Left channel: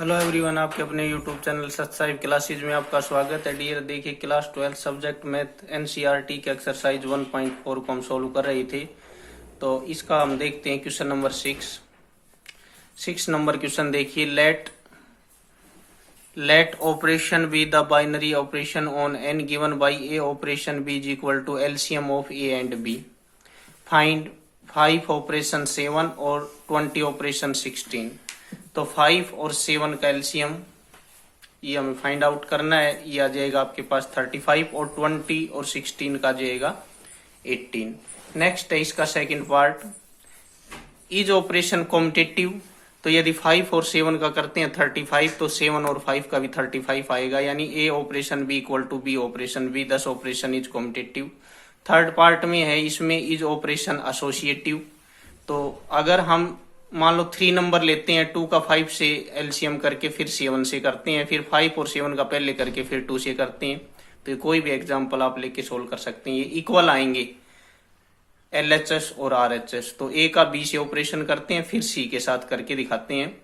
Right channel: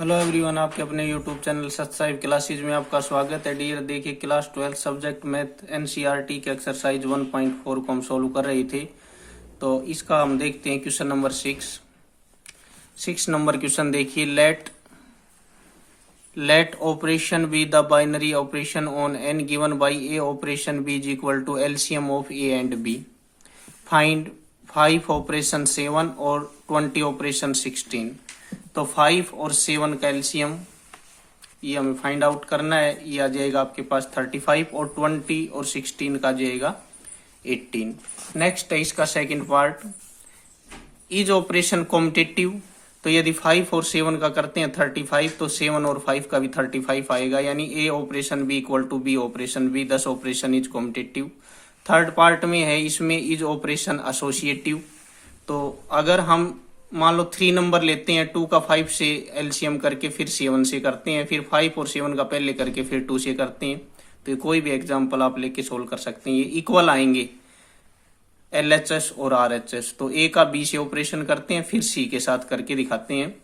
Hello everyone, आपके अपने YouTube channel सत्साई classes में आपका स्वागत है। डियर, देखिए क्लास 12 सब्जेक्ट मैथ एनसीईआरटी के एक्सरसाइज 1.4 को हम सोल्व कर रहे थे। तो इसका हम देखते हैं क्वेश्चन नंबर 6 नंबर क्वेश्चन। देखिए, let operation be the binary operation on N given by A operation B is equal to LCM of A and B. Find 5 operation 7 और 20 ऑपरेशन 16। तो 5 और 7 का एलसीएम ये हमें फाइंड आउट करना है। ये आ जाएगा आपके पास 35 और 20 और 16 का जाएगा 18। नेक्स्ट है इसका second part, is operation competitive. तो यदि 5 और 7 का करते हैं 35, तो 7 और 5 का भी 35 आएगा, यानी A operation B equal to B operation B, 10 operation is competitive. Third part में है, इसमें इज ऑपरेशन एसोसिएटिव। तो अगर हम मान लो 3 नंबर लेते हैं, 2 का 5 से एलसीएम करके फिर 7 से करते हैं, फिर 5 और 7 का पहले करके फिर 2 से करते हैं, तो कोई भी एग्जांपल आप लेके सोल्व कर सकते हैं। ये इक्वल आएंगे एलएचएस और आरएचएस। तो ए का बी से ऑपरेशन करते हैं, फिर सी के साथ करके दिखाते हैं,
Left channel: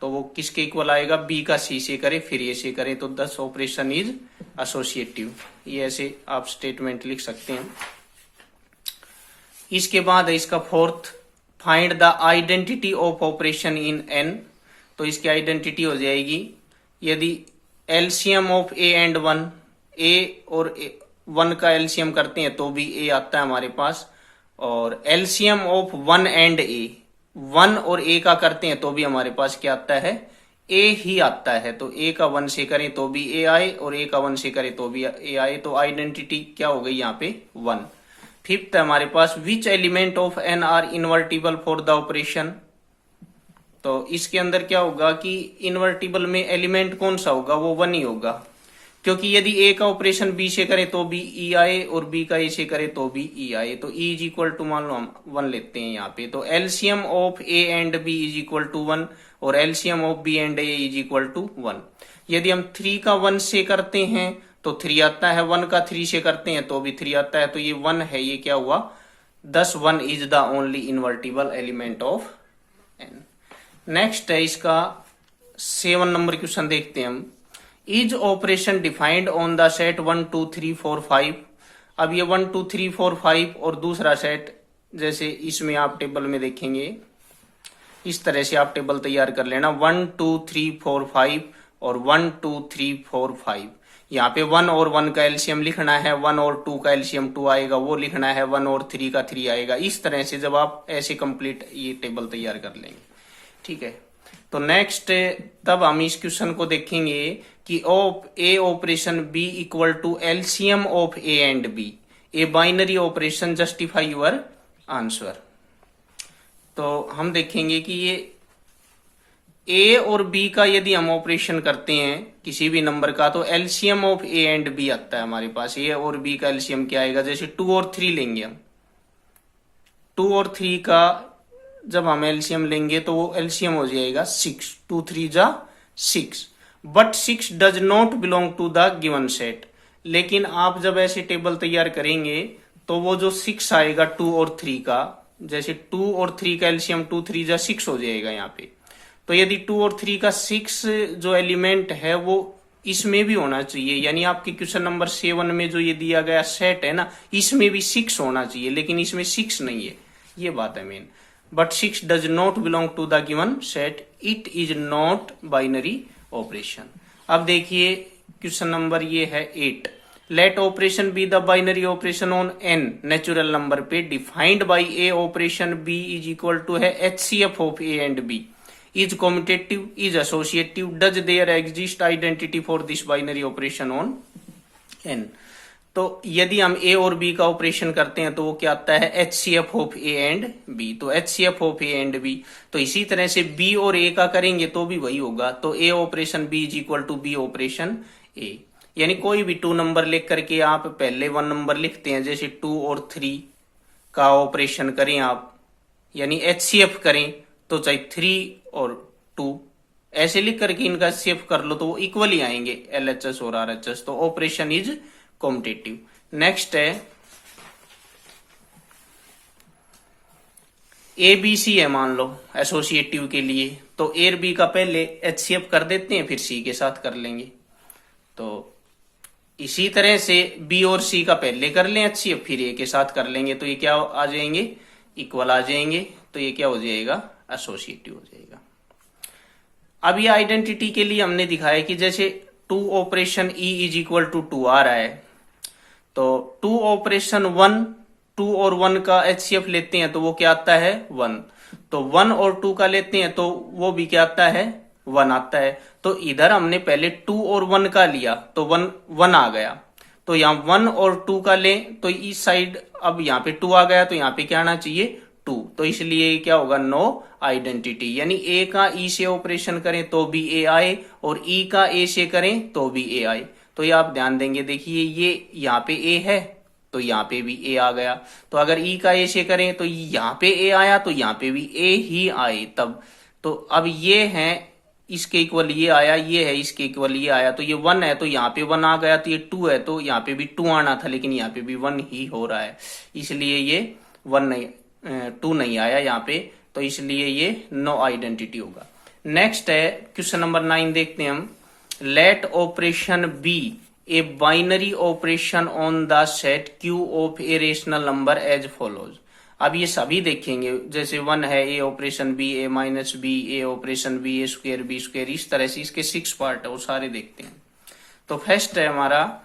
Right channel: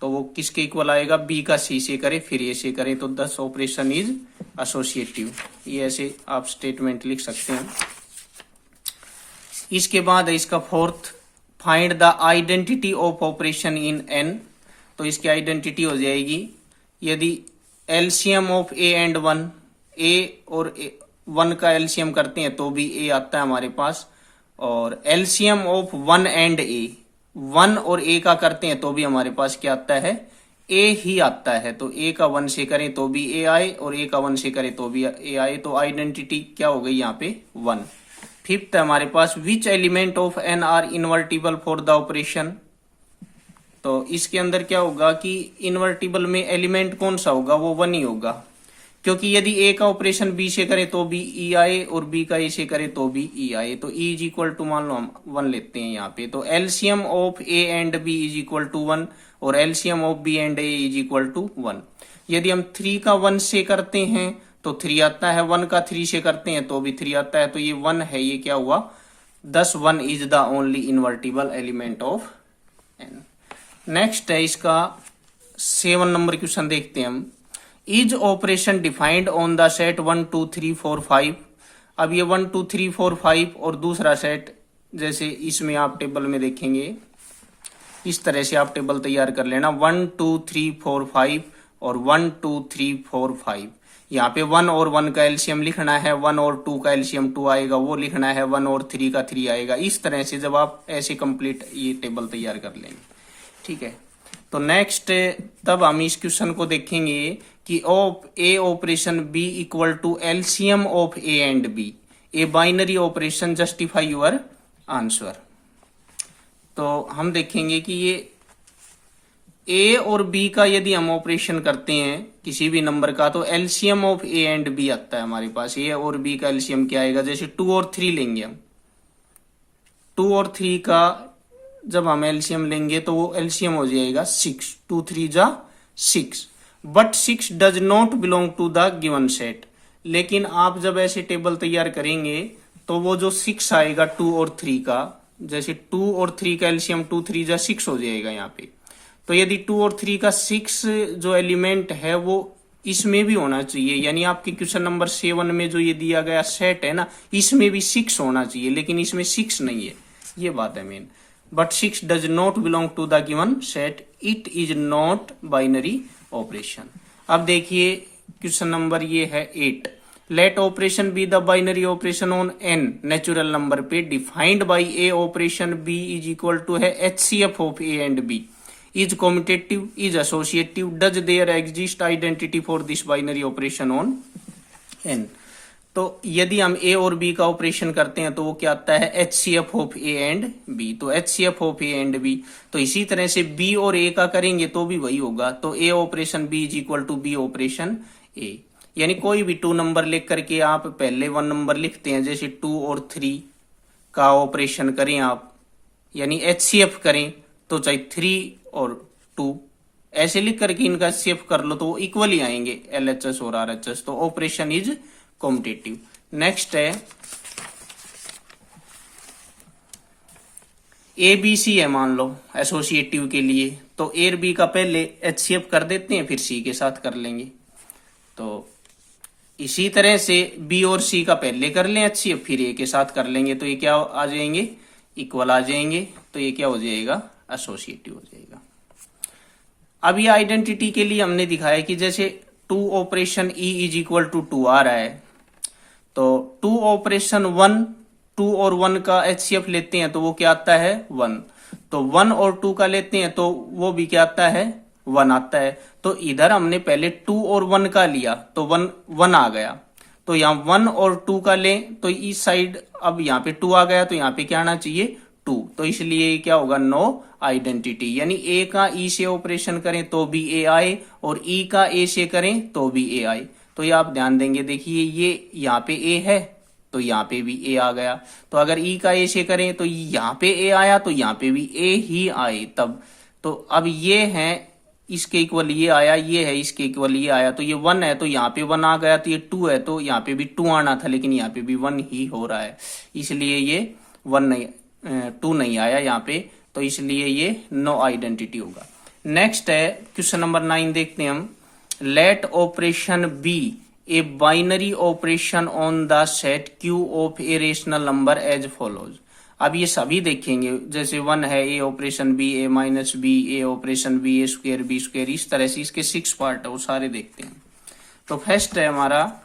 तो वो किसके इक्वल आएगा, बी का सी से करे फिर ए से करे, तो 10 ऑपरेशन इज एसोसिएटिव। ये ऐसे आप स्टेटमेंट लिख सकते हैं। इसके बाद है इसका fourth, find the identity of operation in an. तो इसकी आइडेंटिटी हो जाएगी, यदि एलसीएम ऑफ ए एंड 1, ए और 1 का एलसीएम करते हैं तो भी ए आता है हमारे पास, और एलसीएम ऑफ 1 एंड ए, 1 और ए का करते हैं तो भी हमारे पास क्या आता है, ए ही आता है। तो ए का 1 से करें तो भी ए आए, और ए का 1 से करें तो भी ए आए, तो आइडेंटिटी क्या हो गई यहाँ पे 1। फिफ्थ है हमारे पास, which element of N are invertible for the operation. तो इसके अंदर क्या होगा कि इन्वर्टिबल में एलिमेंट कौन सा होगा, वो 1 ही होगा, क्योंकि यदि ए का ऑपरेशन बी से करे तो भी ई आए, और बी का ए से करे तो भी ई आए, तो ई इज इक्वल टू मान लो हम 1 लेते हैं यहाँ पे। तो LCM of A and B is equal to 1, और LCM of B and A is equal to 1। यदि हम 3 का 1 से करते हैं तो 3 आता है, 1 का 3 से करते हैं तो भी 3 आता है, तो ये 1 है, ये क्या हुआ 10, 1 is the only invertible element of N. Next है इसका 7 नंबर क्वेश्चन, देखते हैं हम। Is operation defined on the set 1 2 3 4 5। अब ये 1 2 3 4 5 और दूसरा सेट, जैसे इसमें आप टेबल में देखेंगे, इस तरह से आप टेबल तैयार कर लेना, 1 2 3 4 5 और 1 2 3 4 5। यहाँ पे 1 और 1 का एलसीएम लिखना है, 1 और 2 का एलसीएम 2 आएगा वो लिखना है, 1 और 3 का 3 आएगा। इस तरह से जब आप ऐसे कंप्लीट ये टेबल तैयार कर लेंगे, ठीक है। तो नेक्स्ट तब हम इस क्वेश्चन को देखेंगे कि A operation B equal to LCM of A and B, A binary operation, justify your answer. तो हम देखेंगे कि ये ए और बी का यदि हम ऑपरेशन करते हैं किसी भी नंबर का, तो LCM of A and B आता है हमारे पास। ए और बी का एलसीएम क्या आएगा, जैसे 2 और 3 लेंगे हम, 2 और 3 का जब हम एलसीएम लेंगे तो वो एलसीएम हो जाएगा 6, 2 3 जा 6, but 6 does not belong to the given set. लेकिन आप जब ऐसे टेबल तैयार करेंगे तो वो जो 6 आएगा 2 और 3 का, जैसे 2 और 3 का एलसीएम 2 3 जा 6 हो जाएगा यहाँ पे। तो यदि 2 और 3 का 6 जो एलिमेंट है वो इसमें भी होना चाहिए, यानी आपके क्वेश्चन नंबर 7 में जो ये दिया गया सेट है ना, इसमें भी 6 होना चाहिए, लेकिन इसमें 6 नहीं है, ये बात है main. But 6 does not belong to the given set, it is not binary operation. अब देखिए क्वेश्चन नंबर ये है 8, let operation be the binary operation on N natural number पे, defined by A operation B is equal to है HCF of A and B, is commutative, is associative, does there exist identity for this binary operation on n। तो यदि हम a और b का operation करते हैं तो वो क्या आता है, HCF of a and b। तो HCF of a and b, तो इसी तरह से b और a का करेंगे तो भी वही होगा। तो a operation b is equal to b operation a, यानी कोई भी 2 नंबर लिख करके आप पहले 1 नंबर लिखते हैं, जैसे 2 और 3 का ऑपरेशन करें आप, यानी HCF करें तो चाहे 3 और 2 ऐसे लिख करके इनका सेव कर लो तो वो इक्वल ही आएंगे एलएचएस और आरएचएस। तो ऑपरेशन इज कॉम्पिटिटिव। नेक्स्ट है ए बी सी है मान लो एसोसिएटिव के लिए, तो ए और बी का पहले एचसीएफ कर देते हैं, फिर सी के साथ कर लेंगे। तो इसी तरह से बी और सी का पहले कर लें एचसीएफ, फिर ए के साथ कर लेंगे, तो ये क्या आ जाएंगे, इक्वल आ जाएंगे। तो ये क्या हो जाएगा, एसोसिएटिव हो जाएगा। अब ये आइडेंटिटी के लिए हमने दिखाया कि जैसे 2 operation E is equal to 2 आ रहा है, तो 2 ऑपरेशन 1, 2 और 1 का एचसीएफ लेते हैं तो वो क्या आता है 1, तो 1 और 2 का लेते हैं तो वो भी क्या आता है 1 आता है। तो इधर हमने पहले 2 और 1 का लिया तो 1 आ गया, तो यहाँ 1 और 2 का लें तो इस साइड अब यहाँ पे 2 आ गया, तो यहाँ पे क्या आना चाहिए 2, तो इसलिए क्या होगा नो आइडेंटिटी। यानी ए का ई से ऑपरेशन करें तो भी ए आए और ई का ए से करें तो भी ए आए। तो ये आप ध्यान देंगे, देखिए ये यहाँ पे ए है तो यहाँ पे भी ए आ गया, तो अगर ई का ए से करें तो यहाँ पे ए आया तो यहाँ पे भी ए ही आए तब। तो अब ये है इसके इक्वल ये आया, ये है इसके इक्वल ये आया, तो ये 1 है तो यहाँ पे 1 आ गया, तो ये 2 है तो यहाँ पे भी 2 आना था, लेकिन यहाँ पे भी 1 ही हो रहा है, इसलिए ये 1 नहीं 2 नहीं आया यहाँ पे, तो इसलिए ये नो आइडेंटिटी होगा। नेक्स्ट है क्वेश्चन नंबर 9 देखते हैं हम। Let operation B A binary operation on the set Q of a rational number as follows. अब ये सभी देखेंगे, जैसे 1 है A operation B, A minus B, A operation B, A square B square, इस तरह से इसके 6 पार्ट है वो सारे देखते हैं। तो फर्स्ट है हमारा,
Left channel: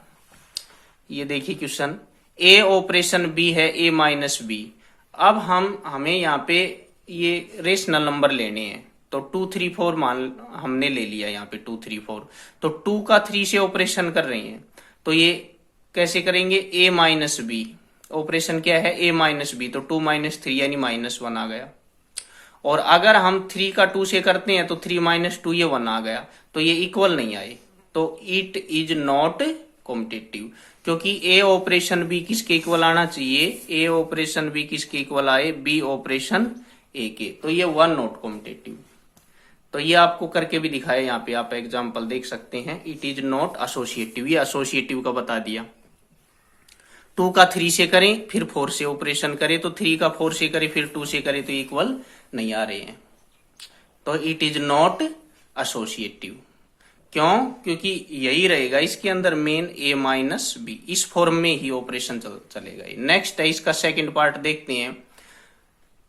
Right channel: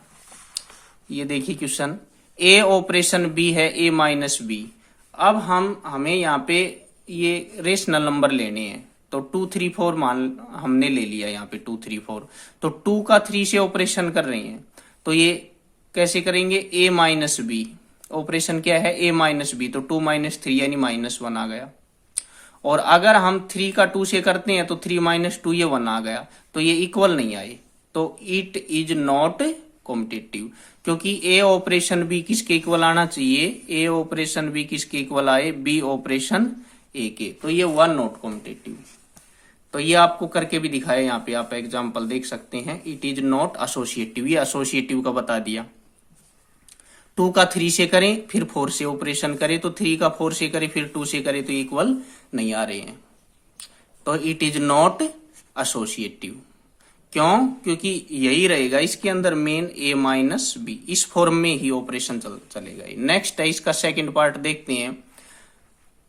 ये देखिए क्वेश्चन, ए ऑपरेशन बी है ए माइनस बी। अब हमें यहाँ पे ये रेशनल नंबर लेने हैं, तो 2 3 4 मान हमने ले लिया यहाँ पे 2 3 4, तो 2 का 3 से ऑपरेशन कर रहे हैं, तो ये कैसे करेंगे ए माइनस बी, ऑपरेशन क्या है ए माइनस बी, तो 2 माइनस 3 यानी -1 आ गया। और अगर हम 3 का 2 से करते हैं तो 3 माइनस 2 ये 1 आ गया, तो ये इक्वल नहीं आए, तो इट इज नॉट कॉम्पिटिटिव, क्योंकि ए ऑपरेशन बी किसके इक्वल आना चाहिए, ए ऑपरेशन बी किसके इक्वल आए, बी ऑपरेशन ए के, तो ये 1 नॉट कॉम्पिटिटिव। तो ये आपको करके भी दिखाया, यहाँ पे आप एग्जांपल देख सकते हैं, इट इज नॉट एसोसिएटिव, ये एसोसिएटिव का बता दिया। 2 का 3 से करें फिर 4 से ऑपरेशन करें, तो 3 का 4 से करें फिर 2 से करें तो इक्वल नहीं आ रहे हैं, तो इट इज नॉट एसोसिएटिव। क्यों, क्योंकि यही रहेगा इसके अंदर मेन ए माइनस बी, इस फॉर्म में ही ऑपरेशन चलेगा। नेक्स्ट है इसका सेकंड पार्ट देखते हैं।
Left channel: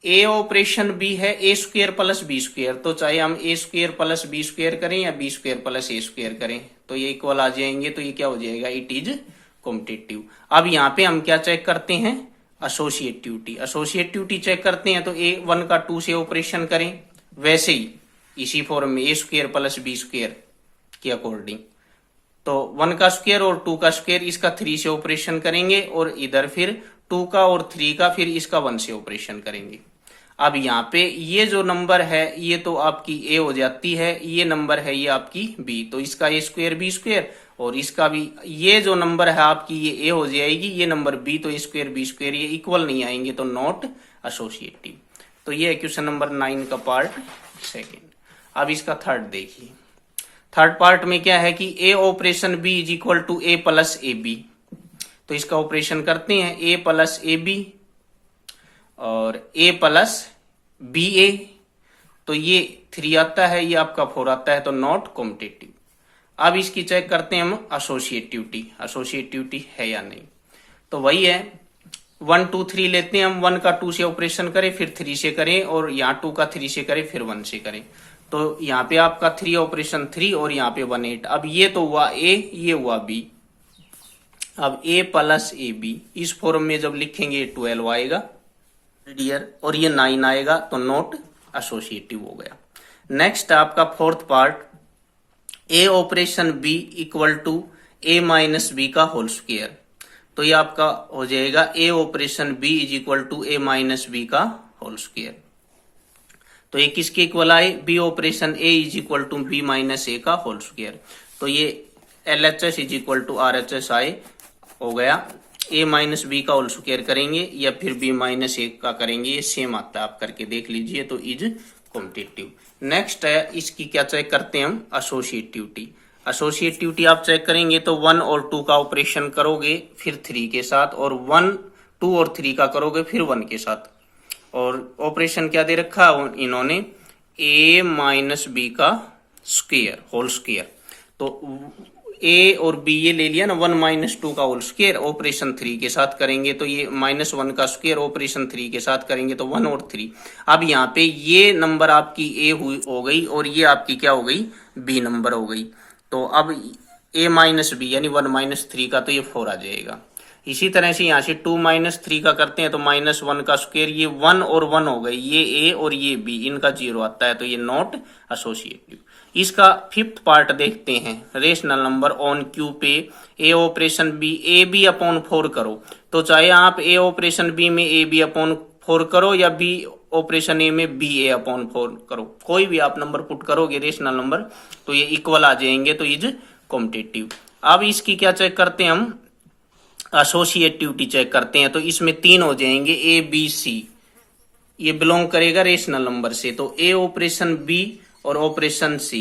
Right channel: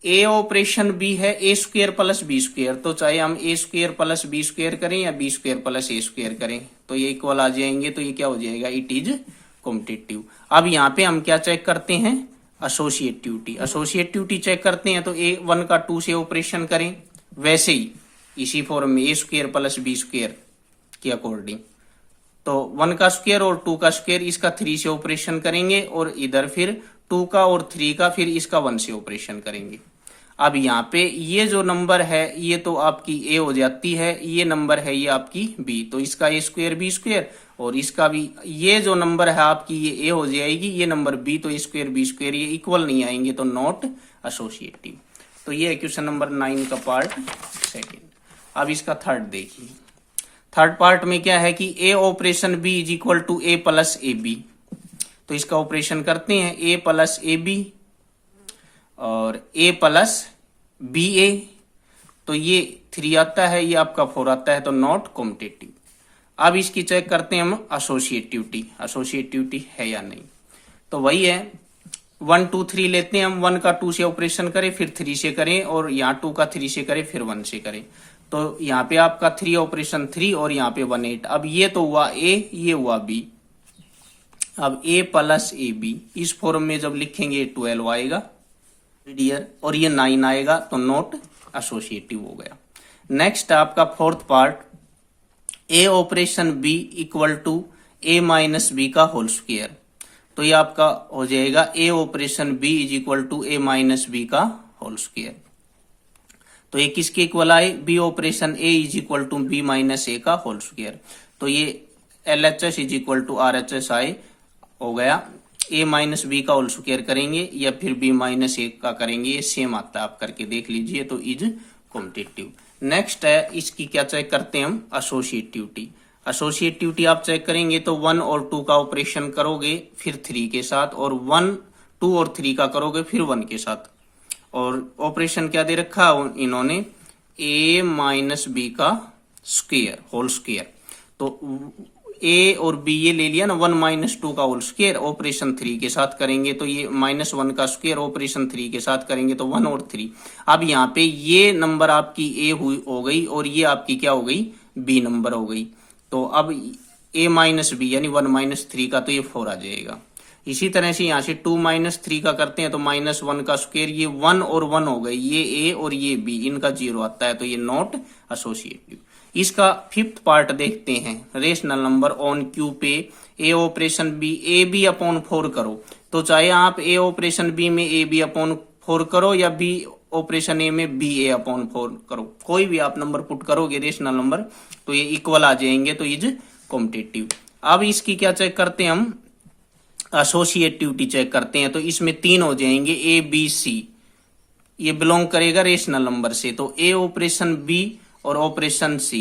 ए ऑपरेशन बी है ए स्क्वायर प्लस बी स्क्वायर, तो चाहे हम ए स्क्वायर प्लस बी स्क्वायर करें या बी स्क्वायर प्लस ए स्क्वायर करें तो ये इक्वल आ जाएंगे, तो ये क्या हो जाएगा, इट इज कॉम्पिटिटिव। अब यहाँ पे हम क्या चेक करते हैं, एसोसिएटिविटी, एसोसिएटिविटी चेक करते हैं, तो ए 1 का 2 से ऑपरेशन करें, वैसे ही इसी फॉर्म में ए स्क्वायर प्लस बी स्क्वायर के अकॉर्डिंग, तो 1 का स्क्वायर और 2 का स्क्वायर, इसका 3 से ऑपरेशन करेंगे और इधर फिर 2 का और 3 का फिर इसका 1 से ऑपरेशन करेंगे। अब यहाँ पे ये जो नंबर है ये तो आपकी ए हो जाती है, ये नंबर है ये आपकी बी, तो इसका ए स्क्वायर बी स्क्वायर और इसका भी, ये जो नंबर है आपकी ये ए हो जाएगी, ये नंबर बी, तो ए स्क्वायर बी स्क्वायर ये इक्वल नहीं आएंगे, तो नॉट एसोसिएटिव। तो ये क्वेश्चन नंबर 9 का पार्ट सेकेंड। अब इसका थर्ड देखिए, थर्ड पार्ट में क्या है कि A operation B is equal to A plus A B, तो इसका ऑपरेशन करते हैं, ए प्लस ए बी और ए प्लस बी ए, तो ये 3 आता है, ये आपका 4 आता है, तो नॉट कॉम्पिटिटिव। अब इसकी चेक करते हैं हम एसोसिएटिविटी, एसोसिएटिविटी है या नहीं, तो वही है 1 2 3 लेते हैं हम, 1 का 2 से ऑपरेशन करें फिर 3 से करें और यहाँ 2 का 3 से करें फिर 1 से करें, तो यहाँ पे आपका 3 ऑपरेशन 3 और यहाँ पे 1 8। अब ये तो हुआ ए, ये हुआ बी, अब ए प्लस ए बी इस फॉर्म में जब लिखेंगे 12 आएगा डियर, और ये 9 आएगा, तो नॉट एसोसिएटिव हो गया। नेक्स्ट आपका fourth part, A operation B equal to A minus B का होल स्क्वायर, तो ये आपका हो जाएगा A operation B is equal to A minus B का होल स्क्वायर, तो ये किसके इक्वल आए, B operation A is equal to B minus A का होल स्क्वायर, तो ये LHS is equal to RHS आए हो गया। ए माइनस बी का होल स्क्वायर करेंगे या फिर बी माइनस ए का करेंगे, ये सेम आता है, आप करके देख लीजिए, तो इज कॉम्पिटिटिव। नेक्स्ट है इसकी क्या चेक करते हैं हम, एसोसिएटिविटी। एसोसिएटिविटी आप चेक करेंगे तो 1 और 2 का ऑपरेशन करोगे फिर 3 के साथ, और 1 2 और 3 का करोगे फिर 1 के साथ, और ऑपरेशन क्या दे रखा इन्होंने, a माइनस बी का स्क्वायर होल स्क्वायर। तो a और b ये ले लिया ना, 1 माइनस 2 का होल स्क्वायर ऑपरेशन 3 के साथ करेंगे तो ये -1 का स्क्वायर ऑपरेशन 3 के साथ करेंगे तो 1 और 3। अब यहाँ पे ये नंबर आपकी a हो गई और ये आपकी क्या हो गई, b नंबर हो गई। तो अब a माइनस बी यानी 1 माइनस 3 का तो ये 4 आ जाएगा। इसी तरह से यहाँ से 2 माइनस 3 का करते हैं तो -1 का स्क्वायर, ये 1 और 1 हो गए, ये a और ये b, इनका 0 आता है तो ये नॉट एसोसिएटिव। इसका फिफ्थ पार्ट देखते हैं, रेशनल नंबर ऑन क्यू पे a operation b a b upon 4 करो। तो चाहे आप a ऑपरेशन b में a b अपॉन 4 करो या b ऑपरेशन a में b a अपॉन 4 करो, कोई भी आप नंबर पुट करोगे रेशनल नंबर तो ये इक्वल आ जाएंगे, तो इज कॉम्पिटिटिव। अब इसकी क्या चेक करते हैं हम, एसोसिएटिविटी चेक करते हैं। तो इसमें 3 हो जाएंगे a b c, ये बिलोंग करेगा रेशनल नंबर से। तो a ऑपरेशन b और ऑपरेशन c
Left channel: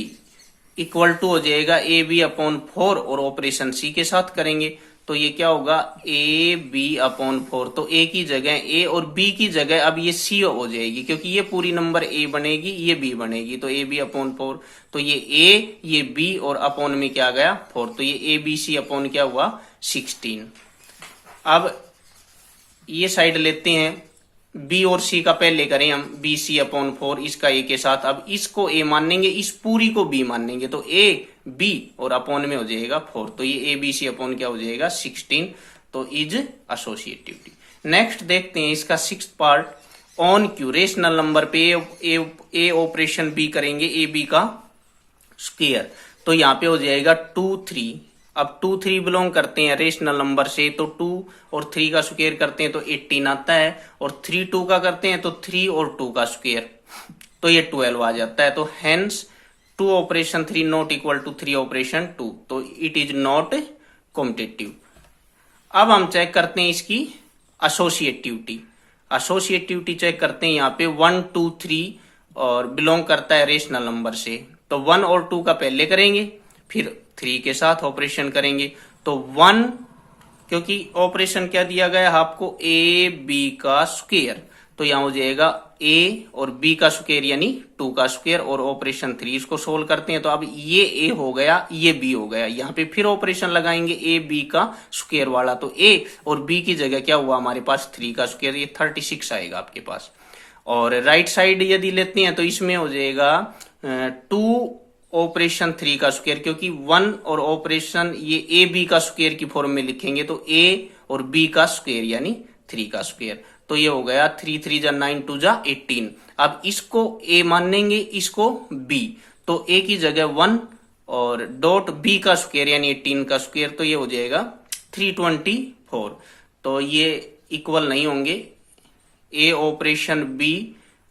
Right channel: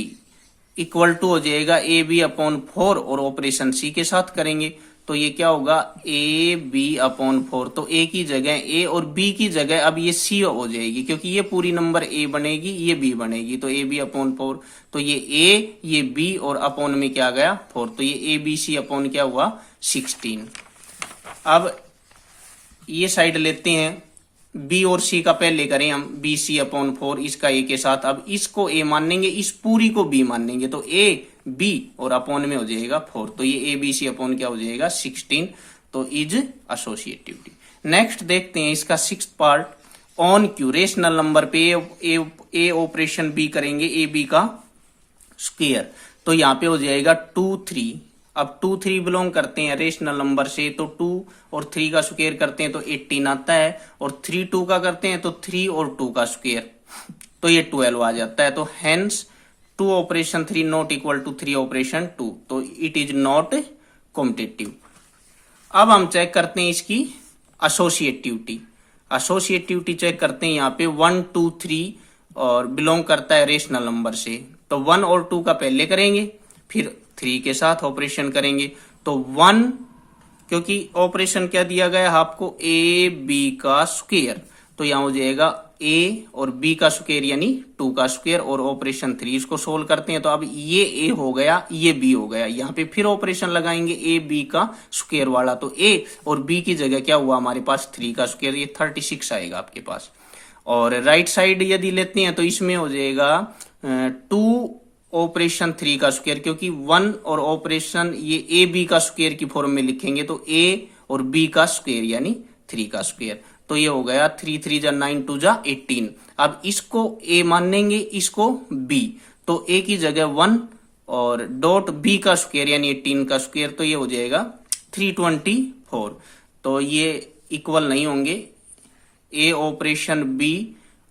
इक्वल टू हो जाएगा a b अपॉन 4 और ऑपरेशन c के साथ करेंगे तो ये क्या होगा, a b अपॉन 4। तो a की जगह a और b की जगह अब ये c हो जाएगी, क्योंकि ये पूरी नंबर a बनेगी, ये b बनेगी, तो a b अपॉन 4। तो ये a ये b और अपॉन में क्या गया 4, तो ये a b c अपॉन क्या हुआ 16। अब ये साइड लेते हैं, b और c का पहले करें हम, बी सी अपॉन 4 इसका a के साथ। अब इसको a मानेंगे, इस पूरी को b मानेंगे, तो a b और अपॉन में हो जाएगा 4, तो ये a b c अपॉन क्या हो जाएगा 16, तो इज एसोसिएटिविटी। नेक्स्ट देखते हैं इसका sixth part, on Q rational number पे a ऑपरेशन b करेंगे a b का स्क्वायर, तो यहाँ पे हो जाएगा 2 3। अब 2 3 बिलोंग करते हैं रेशनल नंबर से, तो 2 और 3 का स्क्वायर करते हैं तो 18 आता है, और 3 2 का करते हैं तो 3 और 2 का स्क्वायर तो ये 12 आ जाता है। तो hence 2 operation 3 not equal to 3 operation 2, तो इट इज नॉट कॉम्पिटिटिव। अब हम चेक करते हैं इसकी एसोसिएटिविटी। एसोसिएटिविटी चेक करते हैं, यहाँ पे 1 2 3 और बिलोंग करता है रेशनल नंबर से, तो 1 और 2 का पहले करेंगे, फिर 3 के साथ ऑपरेशन करेंगे। तो 1, क्योंकि ऑपरेशन क्या दिया गया है आपको, a b का स्क्वायर, तो यहां हो जाएगा a और b का स्क्वायर यानी 2 का स्क्वायर, और ऑपरेशन 3 इसको सोल्व करते हैं तो अब ये a हो गया, ये b हो गया। यहाँ पे फिर ऑपरेशन लगाएंगे a b का स्क्वायर वाला, तो a और b की जगह क्या हुआ हमारे पास 3 का स्क्वायर, ये 36 आएगा आपके पास। और राइट साइड यदि लेते हैं तो इसमें हो जाएगा 2 ऑपरेशन 3 का स्क्वायर, क्योंकि 1 और ऑपरेशन ये ए बी का स्क्वायर की फॉर्म में लिखेंगे तो a और b का स्क्वायर यानी 3 का स्क्वायर, तो ये हो गया 3 3 जा 9 2 जा 18। अब इसको a मानेंगे, इसको b, तो a की जगह 1 और डॉट b का स्क्वायर यानी 18 का स्क्वायर, तो ये हो जाएगा 324। तो ये इक्वल नहीं होंगे, a operation b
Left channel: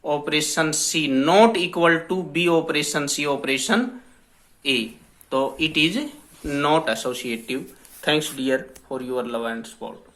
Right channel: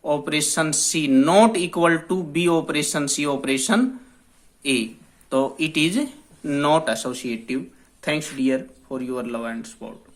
operation C not equal to B operation C operation A, तो it is not associative. Thanks dear for your love and support.